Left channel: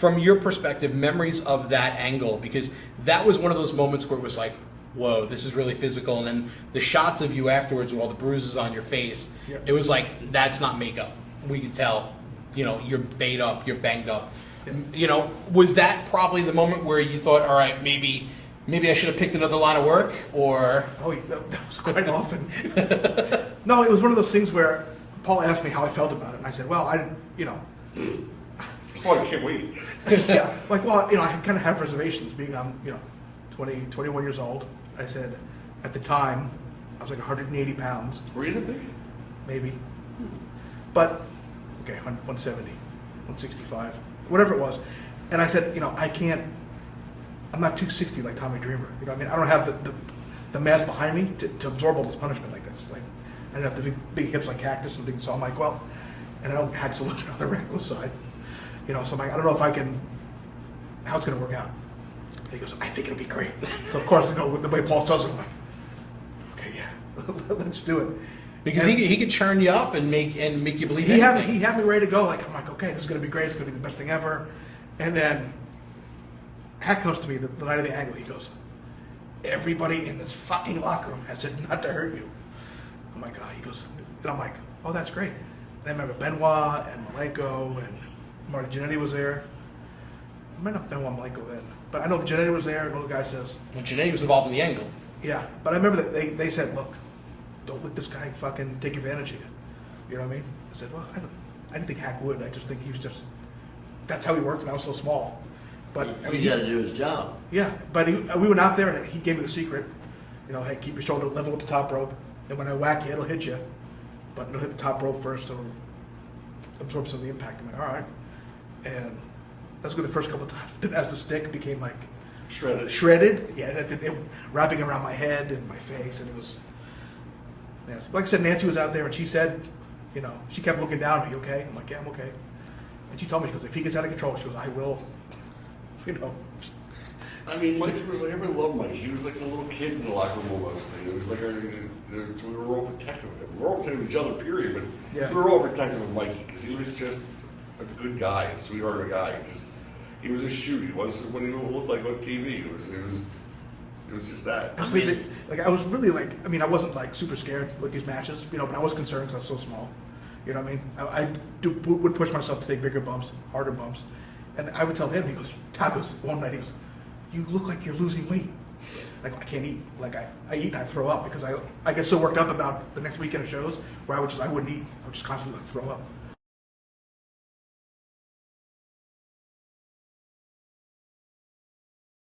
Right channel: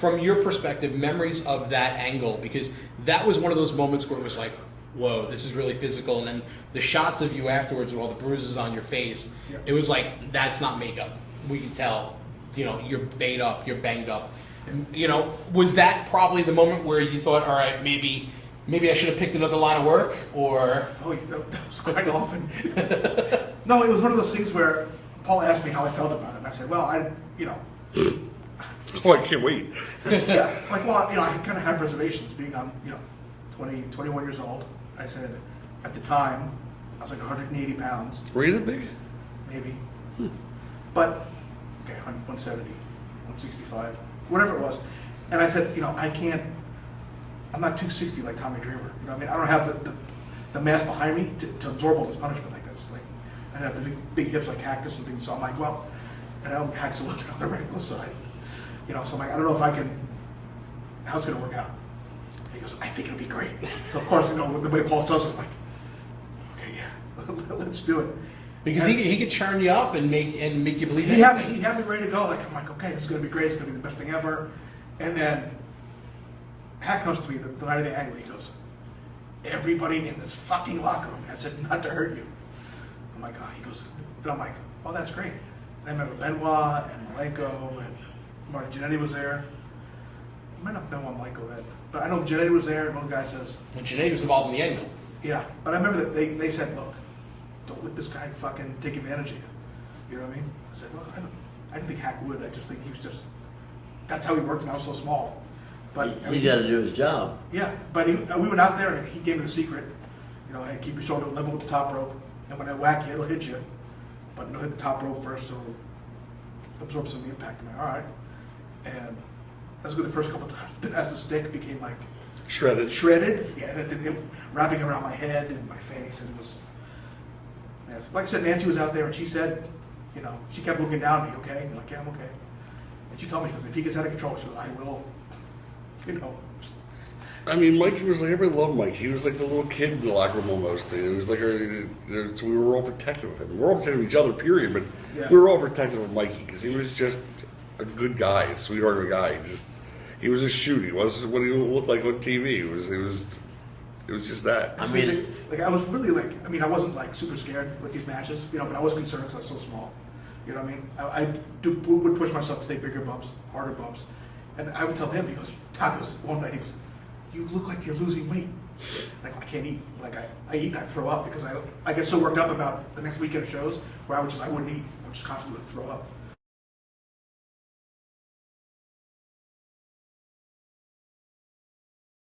from your perspective, memories of that angle, because that was one of those moments where it was like, whoa, this is really physical. And then the shots of you afterwards with all the bruises on your face, it was like, that's not makeup. We can tell, you're banged up, you're banged up. Was that probably the moment where you thought, all right, maybe I should have picked another line of work, or? Oh, that was quite often. No, it was one of those things where Paul asked me how I felt about it, and I said, well, Oh, I can't wait. yeah, I kind of have reservations being on, 20, 21 years old. I said, at the time, I was like 180 pounds. Were you that big? Maybe. But, 170, 165, whatever it was. And I said, I'm not 260 like Tommy Dreamer. I don't have the mass behind me to absorb all this punishment like this. Like, I don't have the big hips like Cactus and things. So I'm like, well, and I know Cactus a little bit on the reckless side. So I'm like, I don't know if I can, how it's going to work out. And he goes, I think it'll be great. So of course, the way Paul does it, I'm like, okay, yeah, let's do it. Because he could churn you up and make you believe he anything. had me ready to go. Like, I'm like, okay, this is going to be great. It's going to be the best thing ever. And then Hat comes to me the night of the angle. He goes, everybody in this fucking locker room has said not to hurt you. I'm like, oh, he goes, and I'm like, oh, that's great. And I remember Benoit and Malenko and Marty Jannetty was there. I might not have Benoit and Malenko then, but I know Jannetty was there, and the guy says. And Jannetty was involved in the angle. Yeah, but I remember that they said, look, don't let this guy fucking take advantage of you. You know what I mean? I said, well, I didn't think Hack would. I just think he was just, that's how he worked, and I was so small. But he got to do his job. Yeah, but we went out there, and he gave me the secret. Hey, keep your shoulder level with the top rope, and when I whack you, it'll hit you. But it'll hit the top rope first, it'll absorb some of the impact. I'm like, all right. And that's good the first couple of times. Then as the stick became like shredded, yeah, it wrapping around my head and my face, and it was. Yeah, like I said, Nancy was out there, and she said, she kept looking down. Are you okay? I'm like, yeah, I'm okay. And she told me, she goes, if he gets out of control, she goes, I will. I mean, Mikey was like, everybody loved Mikey. He was like the little kid in the locker room almost. It was like, so we were all protective of him. We were all protective of each other, period. But we were all protective of Mikey because he was just a good guy, a sweetheart of a guy. He was a shoot. He wasn't what he looked like on TV. It was just that. I mean, I was really I wasn't like super scared with these matches, but I was concerned because I was so small. You know what I mean? I would push myself to take bigger bumps, harder bumps. And I would tell him, he goes, Todd goes, one night, he goes, you look like you're losing weight. Like, I can't eat. Like, I eat and I throw up because I get so worked up about the next weekend of shows where I wouldn't eat. I would just constantly throw up.